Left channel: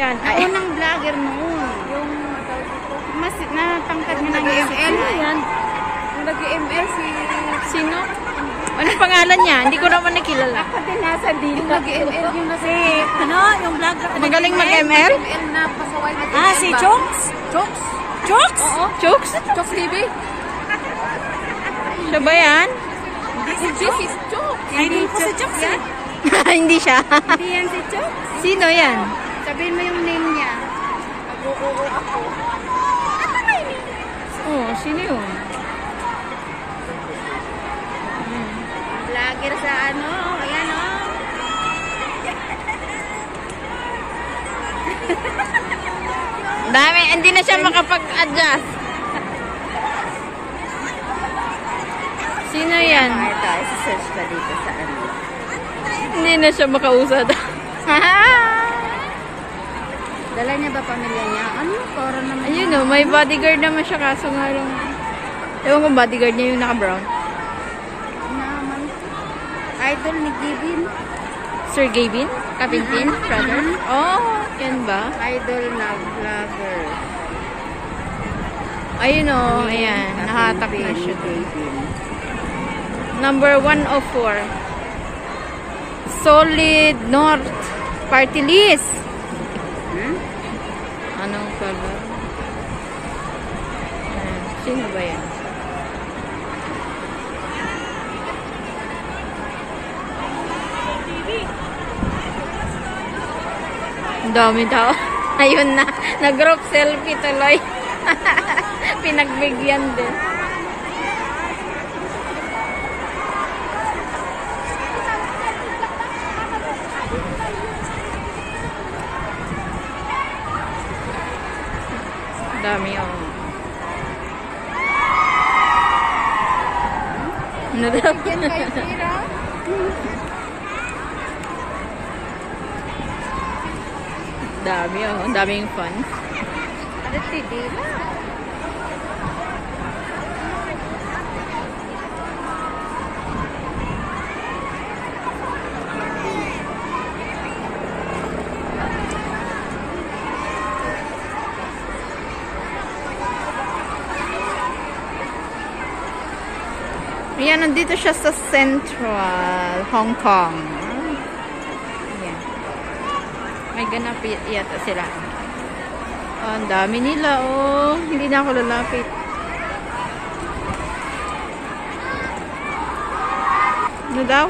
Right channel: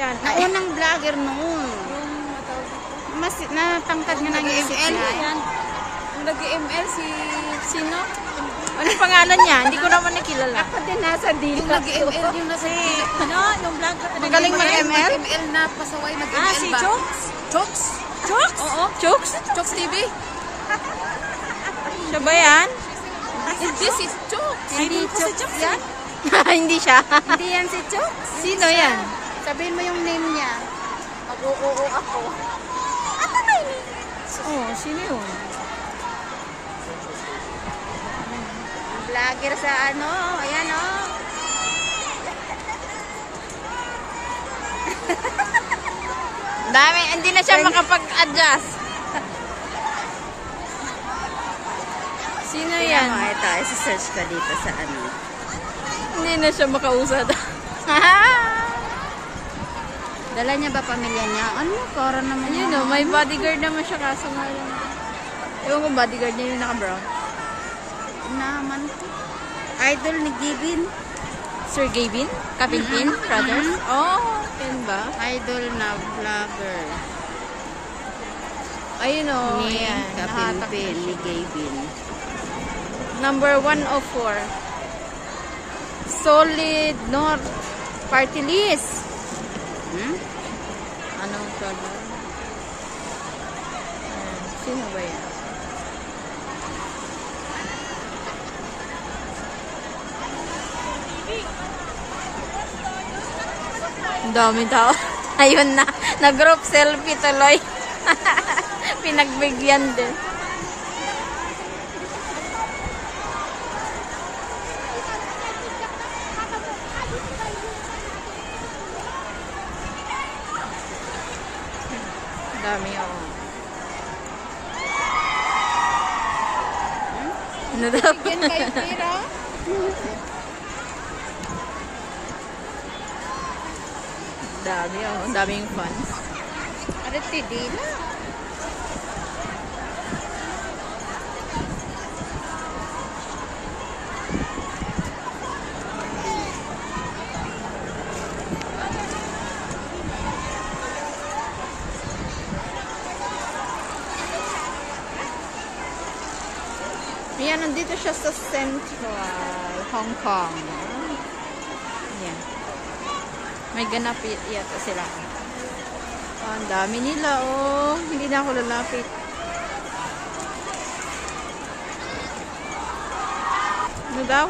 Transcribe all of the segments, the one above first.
yan? Ay, ng vlogger noon. Mas natangkad nga nag-ML yan. Kung nag-ML si... Sino? Anong pangalan niya? Hindi ko naman nakilala. Ako din nasa deal. Nag-ML yung nasi... Ano? Yung vlogger. Magaling mag-ML? ML na pasaway mag-ML. Ah, si Chokes? Chokes? Chokes? Oo. Chokes? Chokes TV? Siya ba yan? Hindi si Chokes. Idol ko si Chokes yan. Hindi siya. Hindi yan si Chokes. Sino yan? Sabihin mo yung name niya. Mag-uuwi ako. Oh, sino yun? Vlogger sa ano. Ayan o. Dami, hindi na siya makapag-adjust. Sino yan? Ito, isa-search ka dito sa ano. Hindi na siya makausad. Dala niya ba pamilya niya? Ano? Para naman. Ayun o, may bodyguard naman siya kaso nga lang. Ewan kong bodyguard niya yung naka-brown. Naman. Idol ni Gavin. Sir Gavin? Kapinpin? Brothers? Oh, yan ba? Idol na vlogger. Ayun o, ayan. Nakatak na siya. Gavin. Number 104. Solid North Party List. Hmm? Anong color? Sino ba yan? Ang dami daw. Ayun na. Nag-group selfie tuloy. Pinagbigyan doon. Dami oh. Ano daw? Dami oh. Ang daming fans. Ano TV? Ayan, nandito siya sa Central Hong Kong. Ayan. May ganap yata sila. Oh, ang dami nila, oh. Hindi na ako lalapit. Ano daw?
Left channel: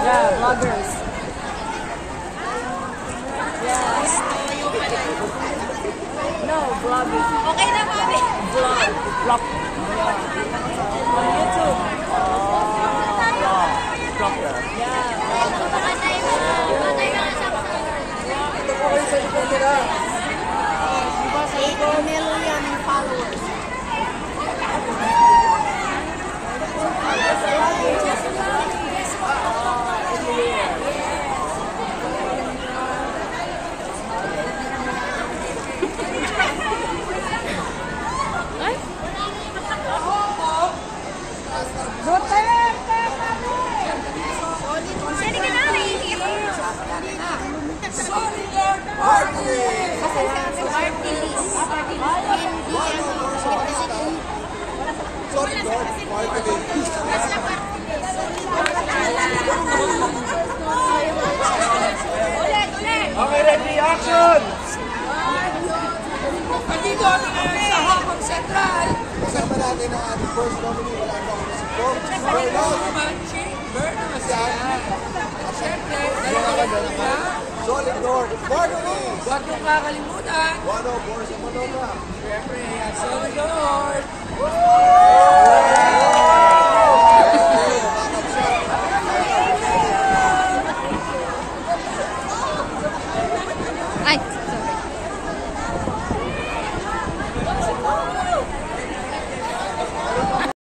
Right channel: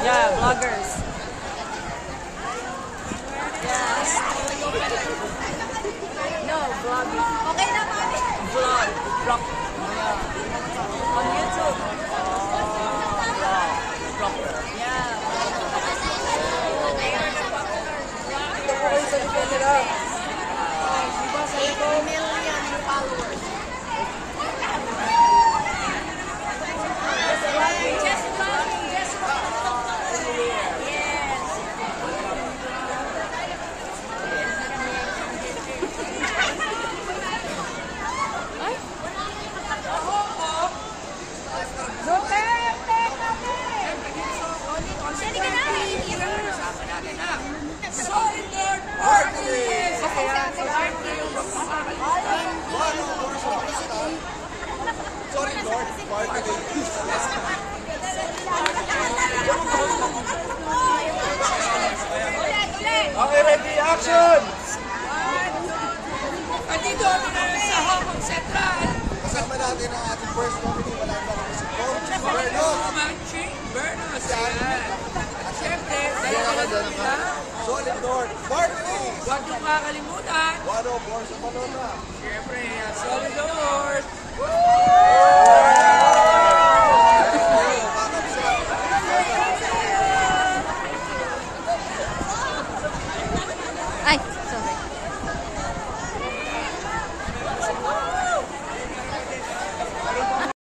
Yeah, vloggers. Yes. No, vloggers. Okay na, mami. Vlog. Vlog. On YouTube. Yeah. 8 million followers. Sorry, Lord, marketing. Okay, ready, action! Andito kami ngayon sa Hong Kong Central. Kasama natin ang ating first nominee. Wala ibang musiko. Bernos! Bernos yan. At syempre, dalawa lang nila. Solid North Marketing! Huwag niyong kakalimutan. 104 sa Manila. Syempre, Solid North.